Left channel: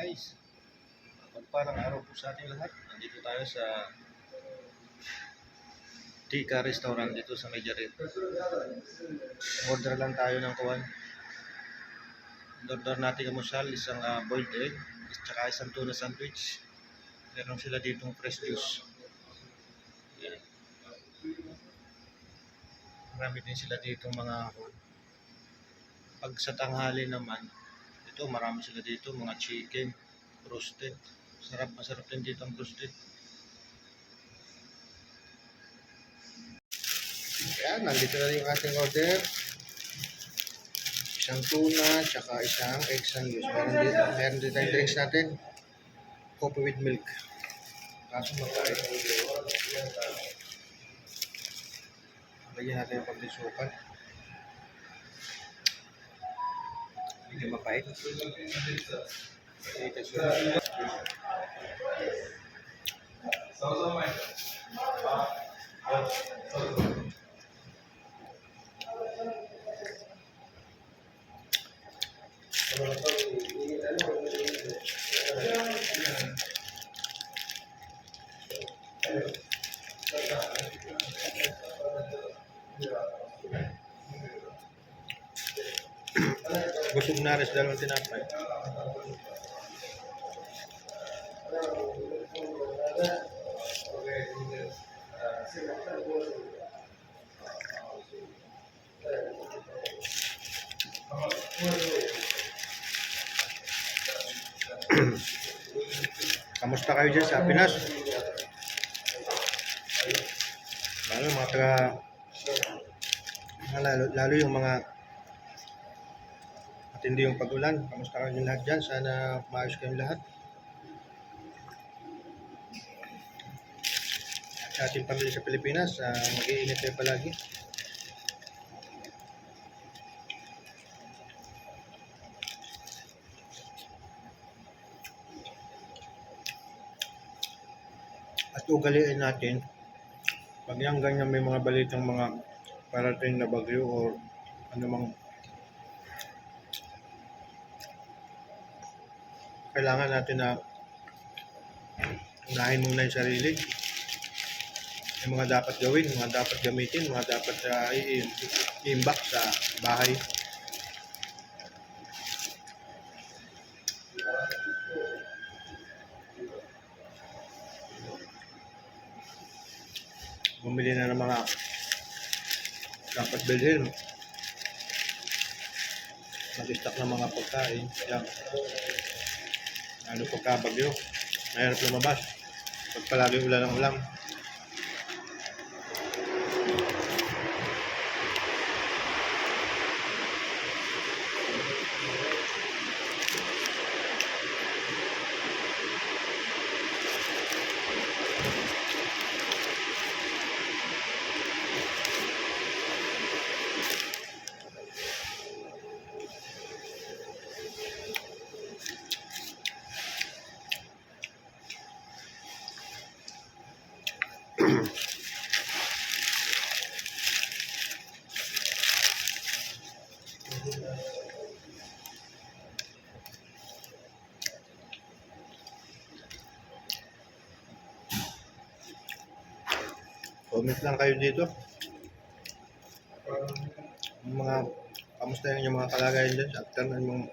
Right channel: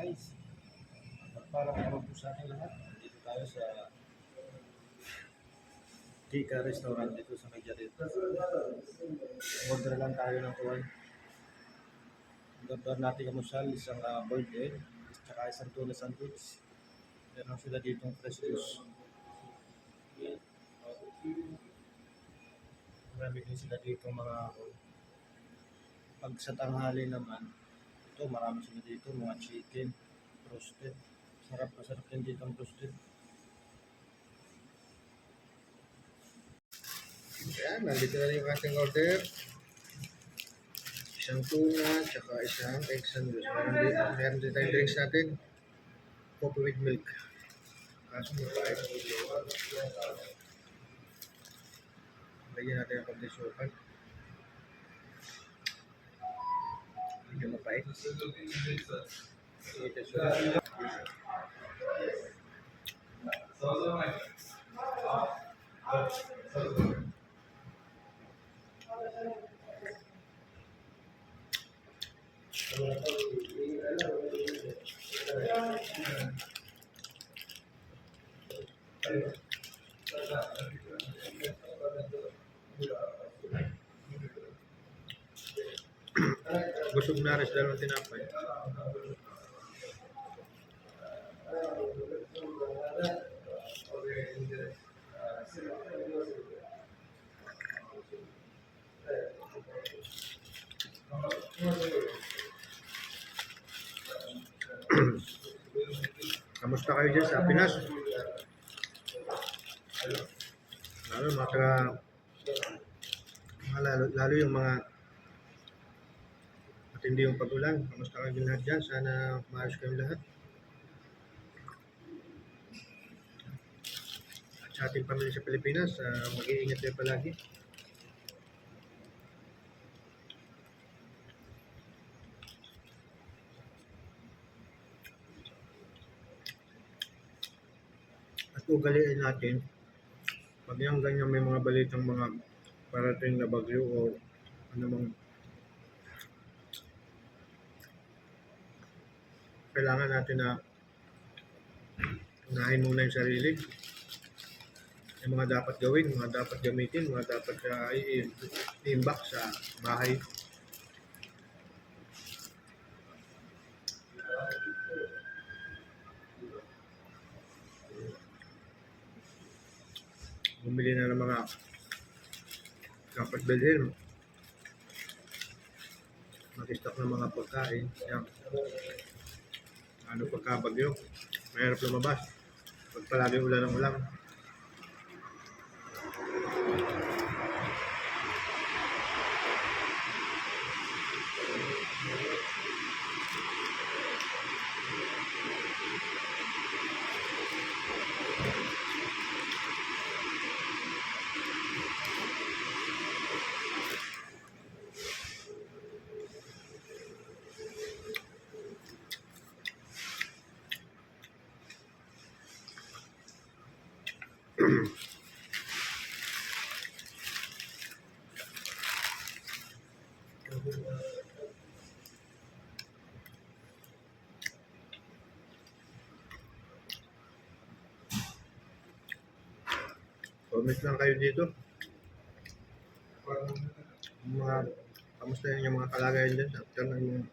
guys, magpalang araw po sa ating lahat. Nandito tayo sa Tika Restaurant dito sa Medjarit. Order lang tayo ng kuwan. Order natin kamusal, isang boiled egg, tsaka isang tuna sandwich. Meron sila ditong fresh juice. Yan. Marami din sila ditong mga pag sa tanghali naman, ito marami sila dito mga chicken, roasted. Masarap din dito ang roasted. Ayan, nandito na yung ating order. Isang tuna, tsaka isang egg sandwich. Meron din tayong drinks natin. Coffee with milk. Kaso mapait. Lagyan natin ang pagdisukan. Hindi mapait. Ito siya. Busog na rin sa dalawang tinapay. Kamusta kayo dyan sa Pinas? Lalo yung mga matindi yung pag-ulan. Kamusta kayo lahat dyan? Sana maayos kayong lahat. At sa ating pamilya sa Pilipinas, mag-iingat kayo palagi. At ugaliin natin, pag yung ganyan may mga balitang mga parating na bagyo o anumang kailangan natin na unahin muna yung sarili. Yung mga dapat gawin, mga dapat gamitin, mga dapat i-imbak sa bahay. Bumili na ng mga dapat bilhin. Mag-stock ng mga pagkain. Yan. Ano pagkabagyo, mahirap lumabas. Pag palagi ulan ng ulan. Comment lang kayo dito. Kamusta yung mga kalagayan dyan after na yung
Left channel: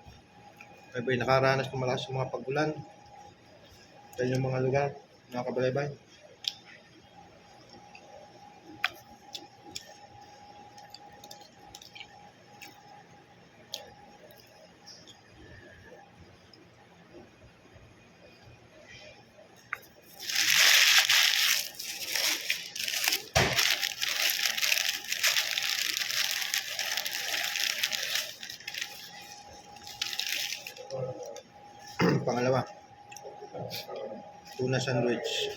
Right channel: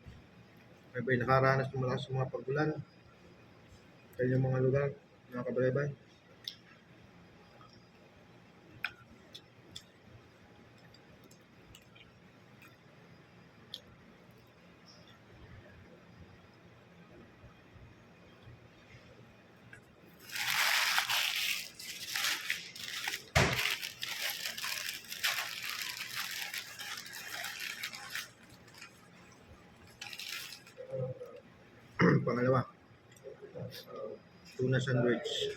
may nakaranas ng malakas mga pag-ulan sa inyong mga lugar, mga kabalaybay. Pangalawa, tuna sandwich.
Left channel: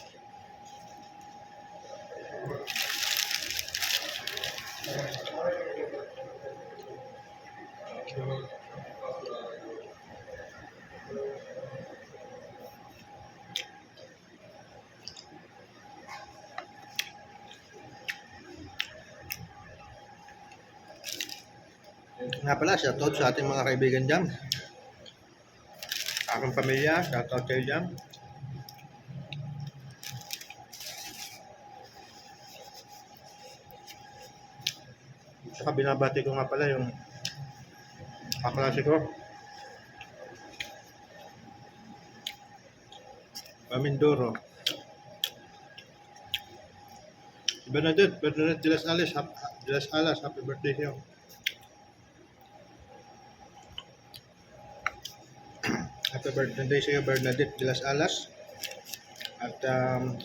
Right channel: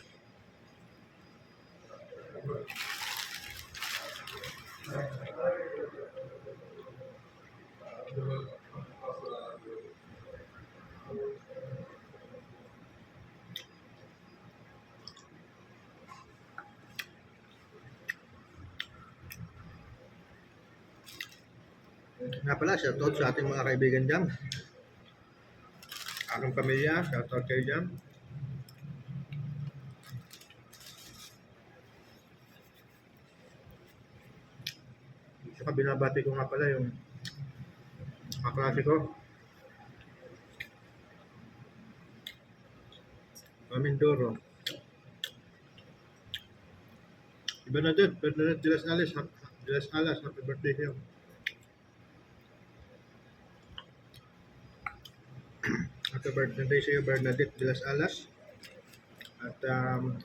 Nga pala, shoutout sa ating mga kaibigan dyan. Aking pamilya, shoutout kayo dyan. Saka binabati ko nga pala yung kaklase ko. Mindoro. Bernadette de las Alas, happy birthday sa'yo. Happy birthday sa'yo, Bernadette de las Alas. At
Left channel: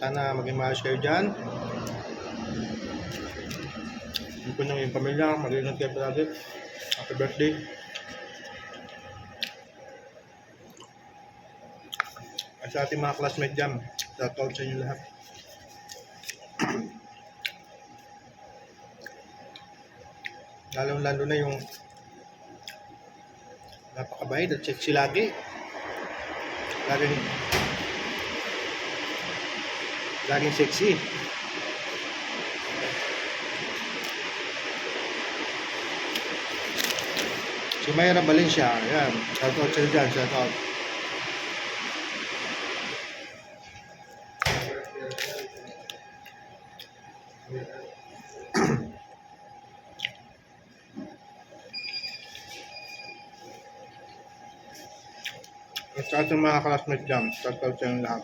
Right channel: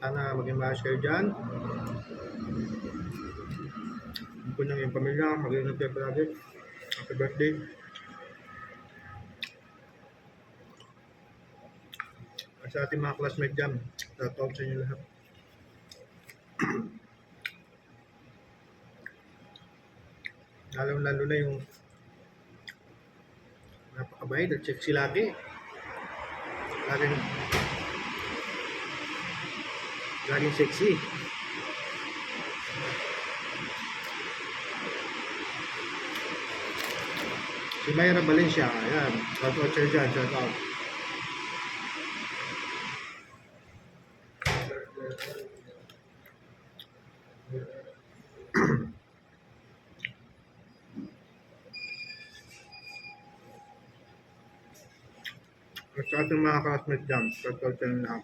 sana maging maayos kayo dyan. Yung po yung pamilya, mag-ingat kayo palagi. Happy birthday. At sa ating mga classmate dyan, shoutout sa inyo lahat. Lalo na yung napakabait at sexy lagi. Laging sexy. Si Mayra Valencia, ayan. Shoutout sa'yo dyan, shoutout. At sa ating mga classmates dyan, shoutout sa inyo lahat.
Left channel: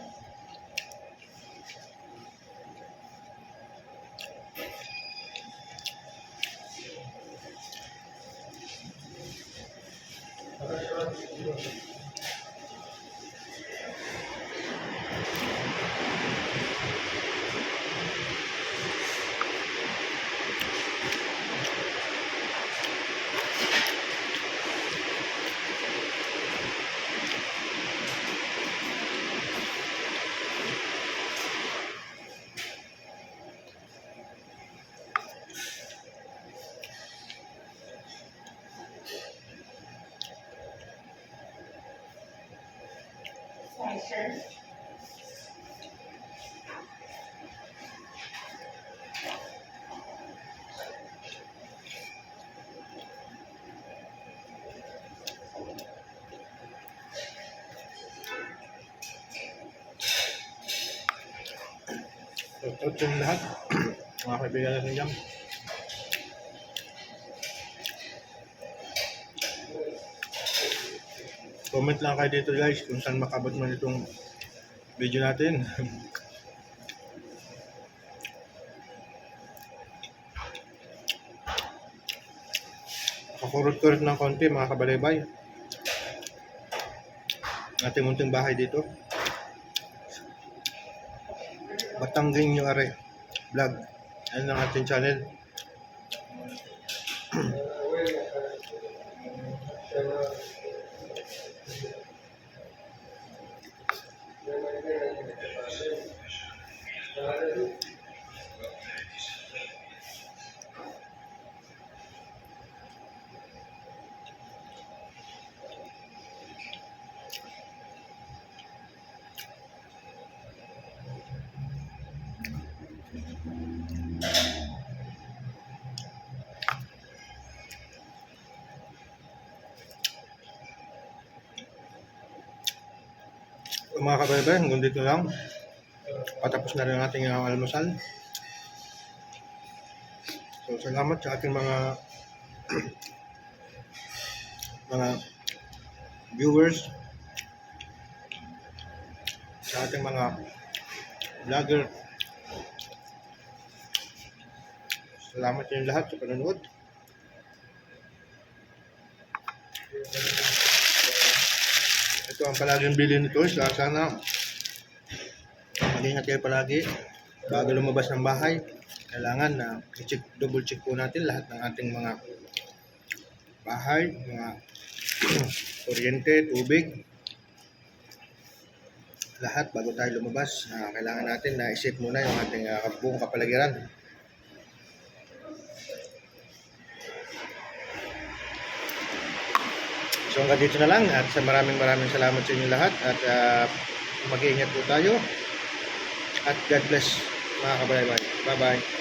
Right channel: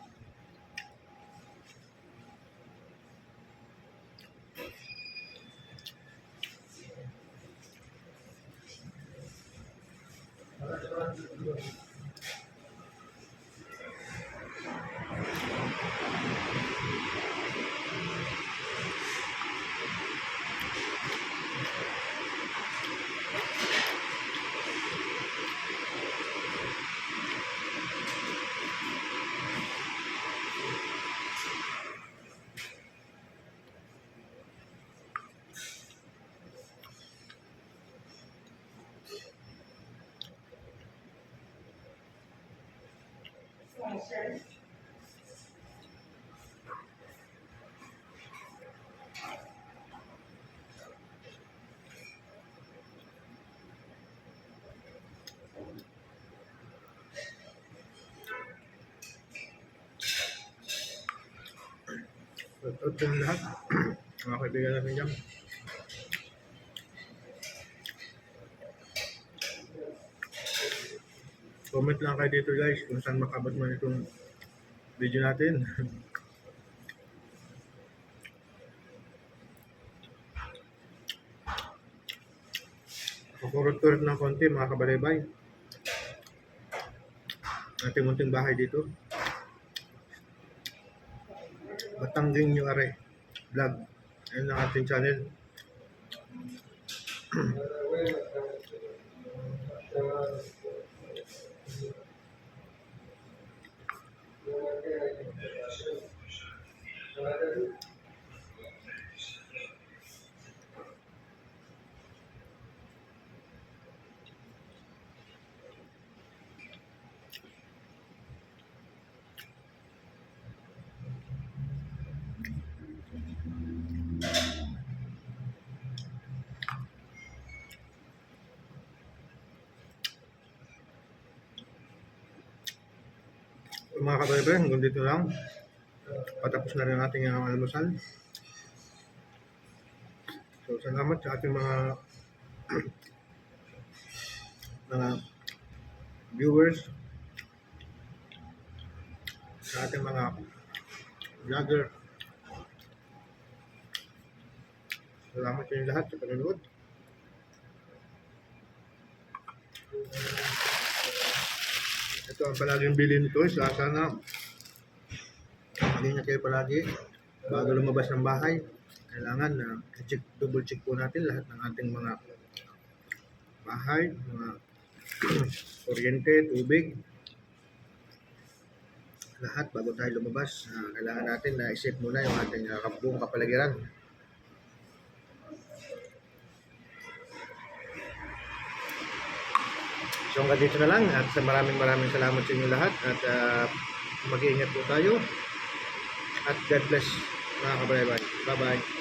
Shoutout sa inyo lahat. Mga kaibigan natin dyan. Comment lang kayo dito guys kung saan makabot man itong video natin. Kakurot-kurot ng konti mga kabalaybay. Ating munting bahay dito. Batangging yung are vlog. Yan ang ating channel. Mga kabaybay, hanggang dito lang. Patapos na rin ang ating almusal. So, salamat sa ating mga viewers, sa ating mga vlogger. Salamat sa inyo lahat sa panonood. Ito ang palaging bilhin nito. Sana mag-ingat kayo palagi bago lumabas ng bahay. Kailangan na double check po natin lahat ng ating mga bahay, mga kuryente, tubig, lahat bago tayo lumabas. Kailangan natin na i-set muna yung ating buong kapaligiran. So hanggang dito na lang at maraming salamat sa inyo lahat at mag-iingat po tayo at God bless mga kabaybay. Bye bye.